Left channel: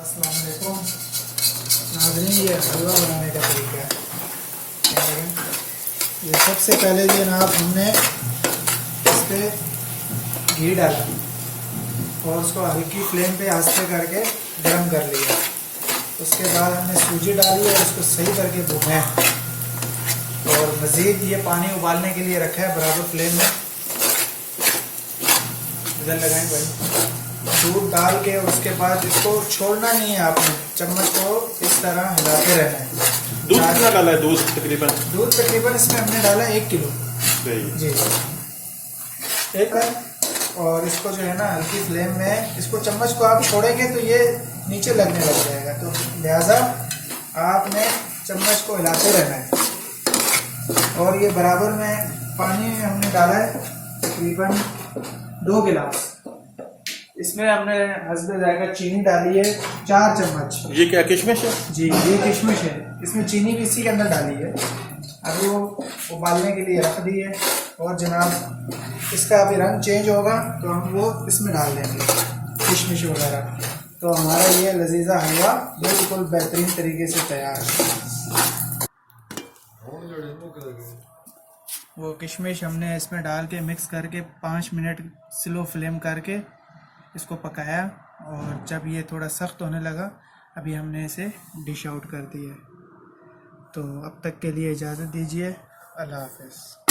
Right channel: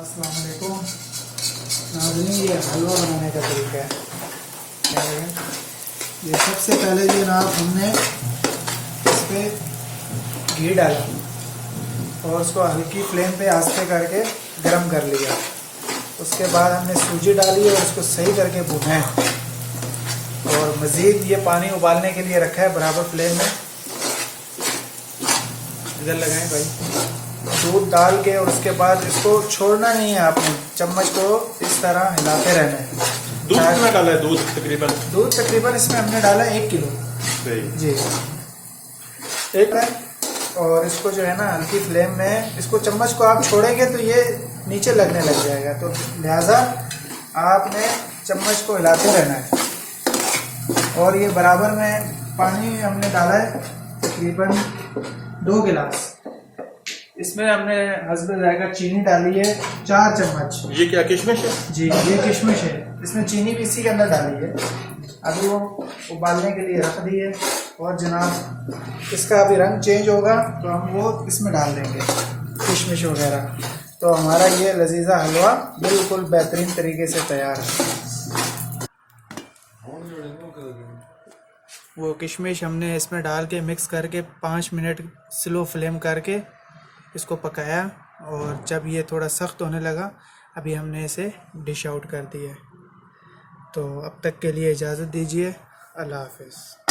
अस्सलाम वालेकुम नाज़रीन, ये हलवा बनाने का तरीका है। ये सबसे पहले जनाब हमने इस पर घी डाला और उसको हल्की फ्लेम पे आस्ते करके गर्म कर लिया। उसके बाद हमने सूजी डाली और उसको सही करके भूना है और मज़ीद ये पानी उबालने के लिए रखा है बराबर फ्लेम में। इधर लगाएं भाई, दूध डाल के उसके बाद इसको छोड़ना नहीं है, आपने चम्मच को इस तरह हिलाते रहना है। दूध कितना डाला है? दूध तकरीबन इसमें हमने डाला 1 किलो जी एक है। और इसको जो है ना हल्की फ्लेम में, इसको चम्मच को आप छोड़ेंगे तो ये नीचे लगने लग जाएगा, तो लिहाजा आपने चम्मच को हिलाते रहना है। और ये बराबर में पानी हमने डाला है तकरीबन 2 गिलास। इसमें हमने हस्बे जायका चीनी डाली है 4 चम्मच। ये क्या किशमिश है? जी ये किशमिश है, इसमें चीनी भी इसी के अंदर डाली है। अभी वो उबालने के लिए रख दी है और जनाब इसका अभी रंग चेंज होगा तो हम वो इसमें डाल देंगे किशमिश वगैरह। तो हमारा ये लजीजा हलवा बिल्कुल बेहतरीन तरीके से तैयार है। वो किशमिश हमने इसमें डाल के मिक्स करके 5 मिनट स्लो फ्लेम करके इसको पकाया और जब ये थोड़ा सख्त होने लगा अभी हमने इसे डिश आउट कर दिया। तो अब तक के लिए इजाज़त दीजिए। अल्लाह हाफ़िज़।